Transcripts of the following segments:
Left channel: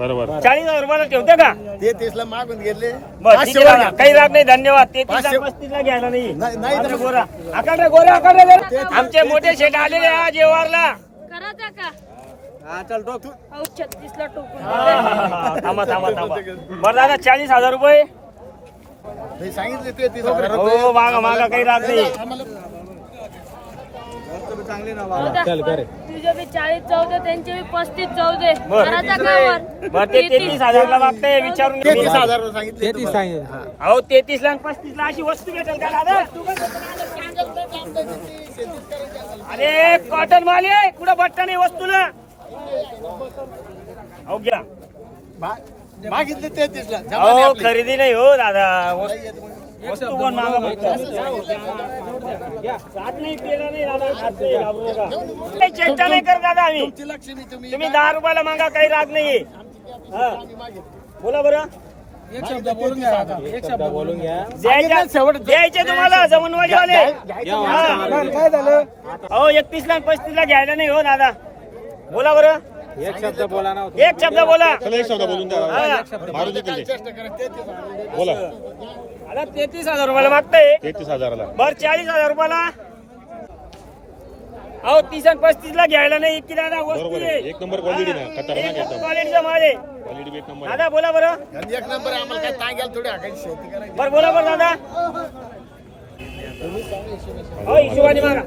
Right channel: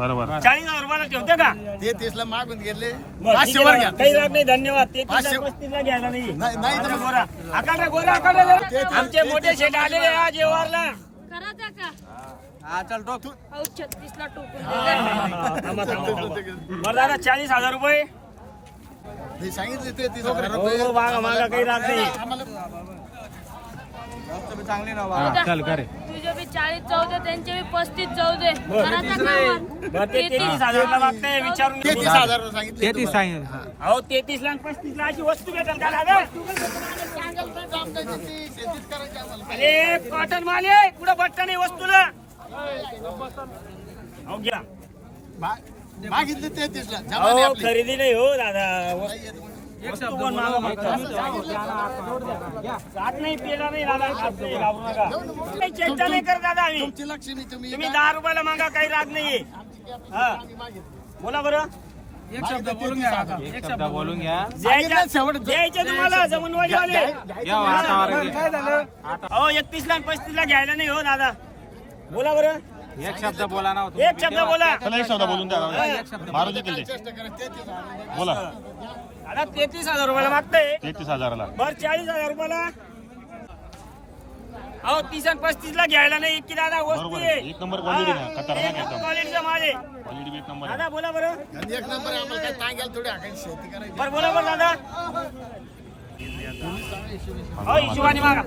बरोबर. चाळीस हजार रुपयाला ठेवते का? ते तीसला मागून घेतले. बरं, पाचशे ठीक वर आहे घ्या. ना. काही राग नाही धन्यवाद. ते पाचशे- घ्यायला नाही. तर गोरा. आकडे गोरा आकडे आमचे मोठे शेट आलेले आज जेवारला करायचा का? हा, चल तो तू अहो छत्तीस ला टोकून थांबा थांबा थांबा. बरं दादा चाळीस हजार रुपये. सांगितले ते तीस हजार रुपये. हो मागा मागा काही राग नाही. चल करे तुझे बी चाळीस त्यांचे बी पस्तीस जाऊ दे बरं. करायचा का वर? बरं ते तेहतीस हजारला मागताय विचारून ते घे. तीस हजार सांगितले तेहतीस सांगितलं. अहो तेहतीस ला पस्तीस ला अशी वस्तू भेटेल का दादा? अरे कॉटन माल आहे कुठं बट्टा नाही वस्तूला? अहो घ्या. मागितले ते तीसला जमाने अहो आपले. खरेदी नाही हो दादा. नाही चेष्टा करत दादा आम्ही. तुम्ही तुम्ही दहा रुपयाला मागा काही राग नाही हा. बोला बरं. एक शब्द बोलून घ्या आता एक शब्द बोलून घ्या. द्यायचे द्यायचे. तुम्हाला जमनवाडीवाले काय झालं? अहो एकतीस ला पस्तीस ला घ्यायला नाही हो दादा. बोला बरं. एक शब्द बोला ना एक शब्द बोला. चला एक शब्द बोलून द्या. बोला. आता तेहतीस हजार रुपयाला मागताय. तेहतीस हजाराला. बर चाळीस हजार रुपयाला. अहो तीस आणि पस्तीस ला घ्यायला नाही इतकी दादा वस्तू आहे. आहे. एक नंबर क्वालिटी ना. खतरनाक एकदम. क्वालिटीचा माल आहे. क्वालिटी एक नंबर आहे. दादा बोला बरं. एक नंबर आहे, आम्हाला काय टांग्याला थोडी हाकायची शेती करायची. बरं बोला बरं दादा. हो हिशोबाने मागा.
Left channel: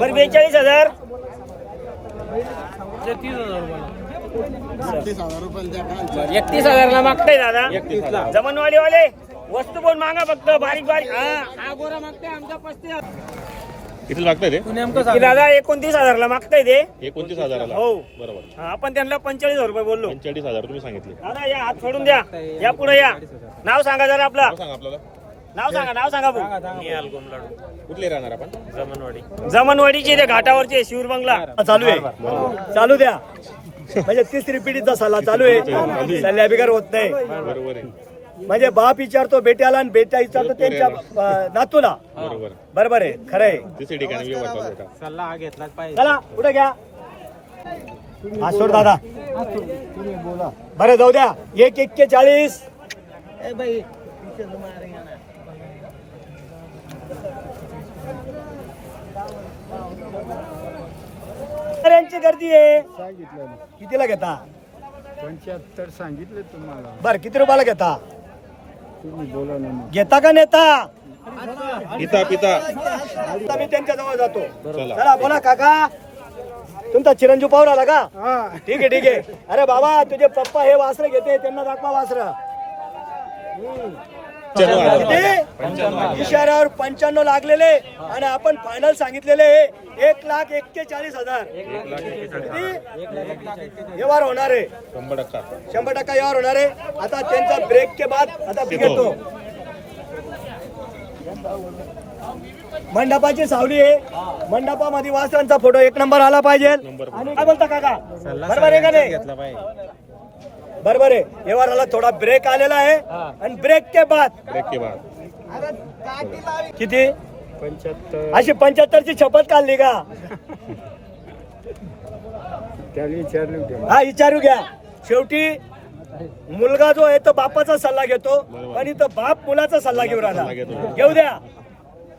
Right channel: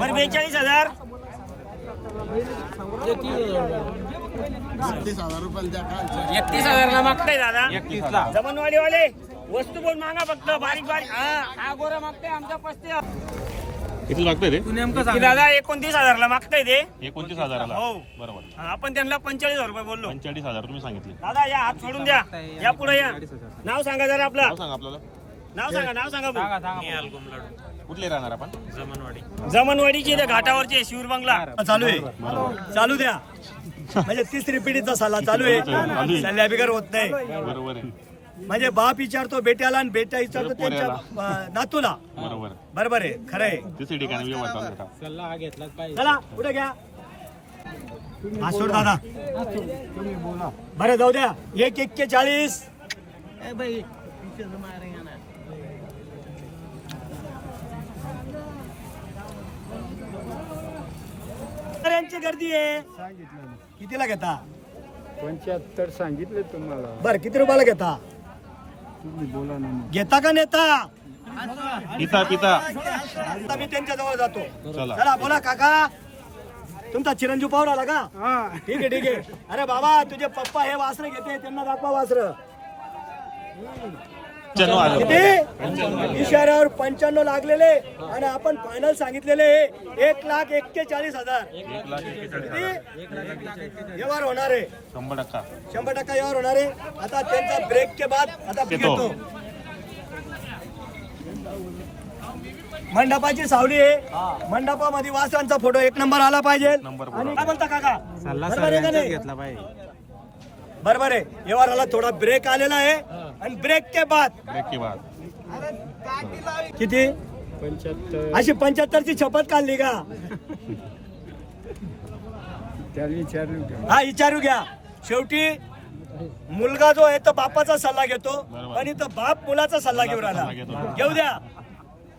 बरं बेचाळीस हजार. तीस हजार रुपयाला द्या का? एकतीस हजारला मागताय दादा. एकतीस ला जमनवाली वाले वस्तू पण मागा फक्त बारीक बारीक. हा. हा गोरा मागताय आमचा पस्तीस किती लागतंय ते? नेमकं की दादा एकोणतीस हजारला मागताय ते. एकोणतीस हजाराला? हो. बरोबर. हा, आपण त्यांना पंचेचाळीस हजार रुपये बोललो. पंचेचाळीस हजार तुम्ही सांगितले. दादा या हात सोडून द्या. या पुढे या. नाव सांगा जरा आपलं. नाव सांगा आपल्याला. नाव सांगा नाव सांगा कुठले राहणार आपण? जमनवाडीचे ते घाटावरचे शिवर बंगला. चालू आहे. बरोबर चालू द्या. म्हणजे तिसरी पिढीचा सल्ला चालू आहे. सल्ल्या बिगर होत नाही. बरोबर आहे. म्हणजे बाप विचारतो बेट्याला आणि बेटा विचारतो त्यांच्या अं, नातूला. बरोबर. बरोबर आहे खरं आहे. ठिकाणी चालू होता. सल्ला हा घेतलाच पाहिजे. चला पुढे घ्या. हा सोड दादा. बरं जाऊ द्या. एक एक्केचाळीस यांची गर्दी आहे. सांगितलं कितीला घेता? पंच्याहत्तर सांगितले तुम्हाला. बर किती रुपयाला घेता. घेता का नेता? पिता पिता. आता मी त्यांच्या जवळ जातो. चला. चला बोला काका. तुमचा चिरंजीव पाहून आला का? हा. ठीक आहे ठीक आहे. अरे बाबा तुझे पप्पा हे वासर घेते त्यांना दाखवा वासर. किती? इशाऱ्यावर पंच्याण्णव लागलेले आणि आपण फायनल सांगितलेले एक लाख एक्केचाळीस हजार. किती? व्यवहार होणार आहे. शंभर टक्का. शंभर टक्का व्यवहार होणार आहे. आता त्यांचा ब्रेक के बाद आता मी घेतो मंडपाची सावली आहे. मंडपामध्ये वासरांचा फोटो एक नंबर आला पाहिजे. आणि काय बोलता काका? सल्ला बरोबर आहे का सगळ्यांचाच नाही? घेतला पाहिजे. बरोबर आहे. व्यवहाराला थोडा ब्रेक आलेला आहे. आणि ब्रेक के बाद ब्रेक के बाद. किती? पंच्याहत्तर. अशी पंच्याहत्तरची शपथ काढली का? त्याला विचारलं होतं. हा विचारू घ्या. शेवटी मुलगा जो आहे तो बापाचा सल्ला घेतो. पण इथं बाप मुलाचा सल्ला घेऊन सल्ला राहिला घेतो. घेऊ द्या.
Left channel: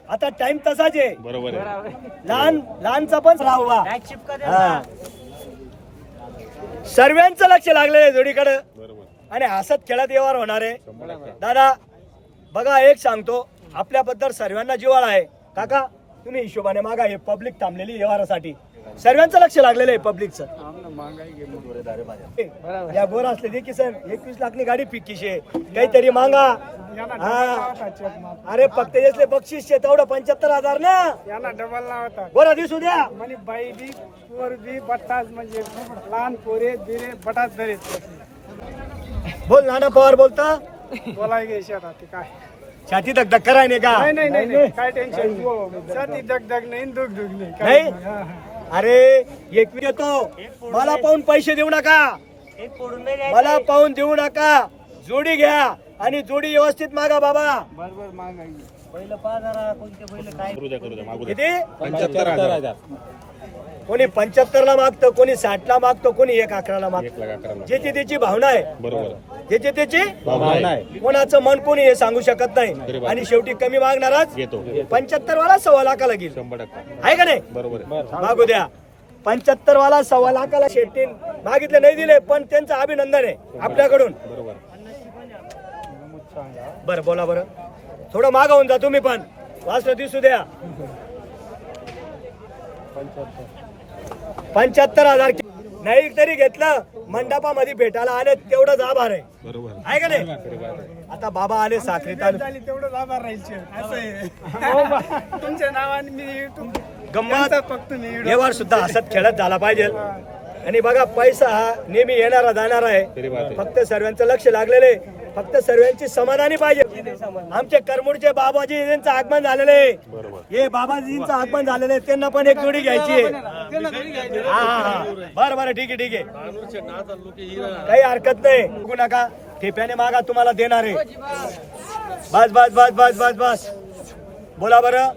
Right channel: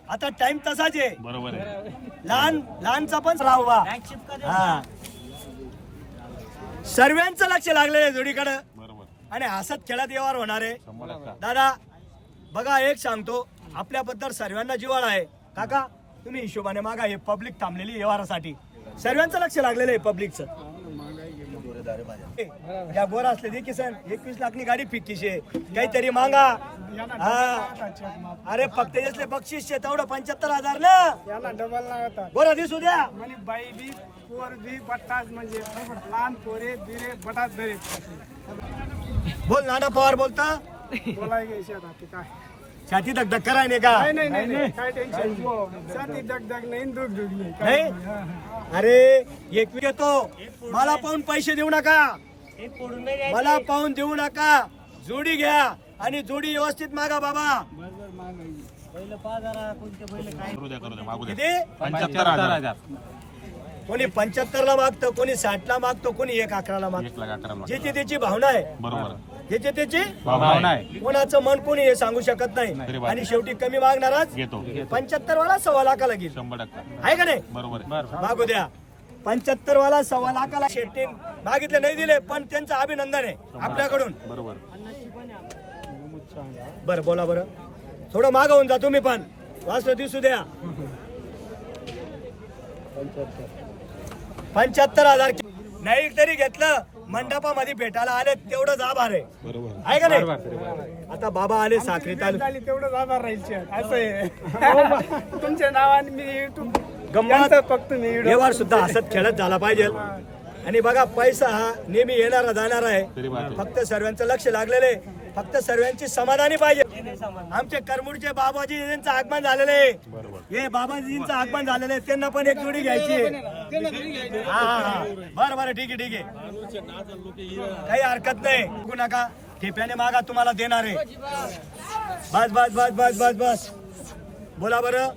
आता टाइम तसाच आहे. बरोबर आहे. लहान लहानचा पण राहावा हा. सर्वांचं लक्ष लागलेलं आहे जोडीकडे. आणि हसत खेळत व्यवहार होणार आहे. दादा बघा एक सांगतो. आपल्याबद्दल सर्वांना जिवाळा आहे. काका तुम्ही हिशोबाने मागा हे पब्लिक थांबलेली व्यवहारासाठी. सर्वांचं लक्ष लागलेलं आहे पब्लिकचं या गोर असले दे किसन एकवीस लाखनी गाडी फिक्कीशे. काहीतरी मागा. हा. अरे फक्त यसले बक्षीस शे तेवढं पंच्याहत्तर हजार ना. याला डबल लावतात गोरा दिसू द्या. म्हणे बाई बी पोर बी बट्टाच म्हणजे लहान पोरे बिरे बटाच धरेत बोल नाना पवार बोलता. बोलाय घे शेतात ते काय? छाती धक धक कराय नाही का? नाही नाही काय टेन्शन छाती दग दग नाही. दुग दुग नाही. अरे एक मी येतो. मला पाहून पैसे देऊ नका. मला पाहून देऊ नका. जोडी घ्या आणि जोडी व्यवस्थित मागा बाबा. बरोबर महागाई करू द्या करू द्या मागू द्या. किती? पंच्याहत्तर हजार. कोणी पंच्याहत्तर ला मागतं कोणी साठ ला मागतं कोणी एक अकराला एक मागतं लाख अकरा लाख ज्याची त्याची भावना आहे. बरोबर. ज्याची त्याची भावना आहे. कोणाचं मन कोणी हे सांगू शकत नाही. आणि शेवटी कमी मागणारच घेतो पंच्याहत्तर वाला सव्वा लाखाला घेईल शंभर टक्का. आहे का नाही? बरोबर आहे. मागू द्या. पंच्याहत्तर वाला सव्वा लाखाला शेट्टी मागितले नाही दिले पण त्यांचं अभिनंदन आहे आपल्याकडून. बरोबर. बरं बोला बरं. थोडं मागवून जा तुम्ही पण. वाचलं दिसू द्या. पंच्याहत्तर हजार नाही तरी घेतलं मंडपामध्ये भेटायला आले तेवढंच आभार आहे. बरोबर. आहे. का नाही? आता बाबा आले साखरे तालुक्यात झाली तेवढं आभार राहील असं आहे. हो. तुमच्या नावाने मी युट्यूब गंमत. फक्त मी व्हिडिओ व्यवहार सुद्धा हसत खेळत झाला पाहिजे. आणि बघा पैसा हा नेहमी येणारा जाणारा आहे. फक्त सर्वांचं लक्ष लागलेलं आहे. फक्त सर्वांची समाधानी पाहिजे. आमचे करमुडचे बाबाजी यांचं आगमन झालेलं हे बाबाजींचं आगमन झालेलं आहे. त्यांना पण एक जोडी घ्यायची आहे. हा हा बरं बरं ठीक आहे ठीक आहे. काही हरकत नाही. बघू नका. ठेप्याने मागा तुम्हाला देणार आहे. बस बस बस बस बस बस. बोला बरं.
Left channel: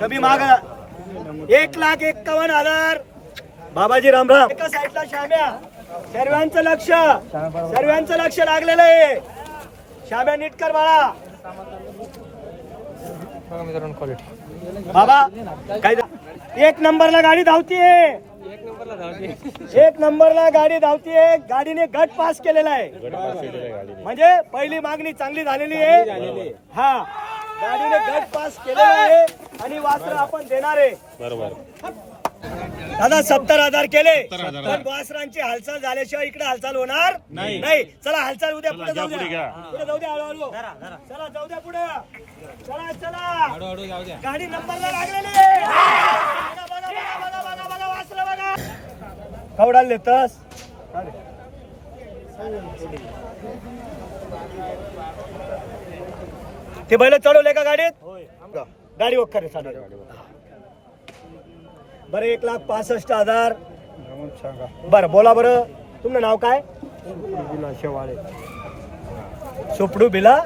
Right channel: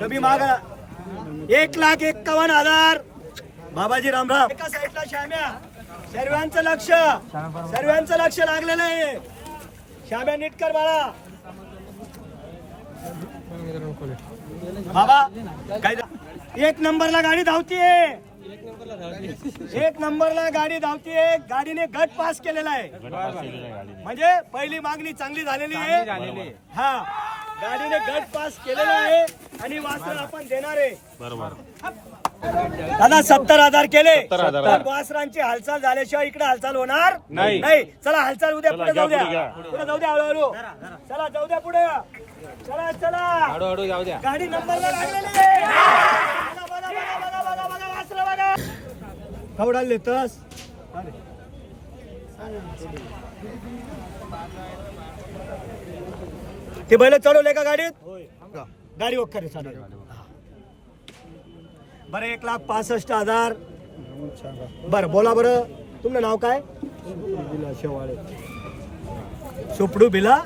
कमी मागा. एक लाख एक्कावन्न हजार. बाबाजी रामराम एका साईडला शाम्या सर्वांचं लक्ष. सर्वांचं लक्ष लागलेलं आहे. शाम्या नीट कर बाळा. बाबा काय एक नंबरला गाडी धावतीये. एक नंबरला गाडी धावतीये. गाडीने गट पास केलेला आहे. गट पास केलेलं आहे गाडीने. म्हणजे पहिली मागणी चांगली झालेली आहे. हा. गाडीने गट पास केलेला आहे आणि वासर आपण देणार आहे. बरोबर. दादा सत्तर हजार केले. 70,000. पण वासरांची हालचाल झाल्याशिवाय इकडे हालचाल होणार नाही. नाही. चला हालचाल उद्या पुढे जाऊ द्या. पुढे जाऊ द्या हळूहळू. चला जाऊ द्या पुढे. चला चला. गाडी नंबरला लागलेली आहे. बघा, बघा, बघा, बघा, बघा, बघा, वासरं बघा. कवडाल लेतस ते बैल चढवले का गाडीत? गाडी वखर चालेल बरं एक लाख पासष्ट हजार. बरं बोला बरं. तुमचं नाव काय? सुपडू बिला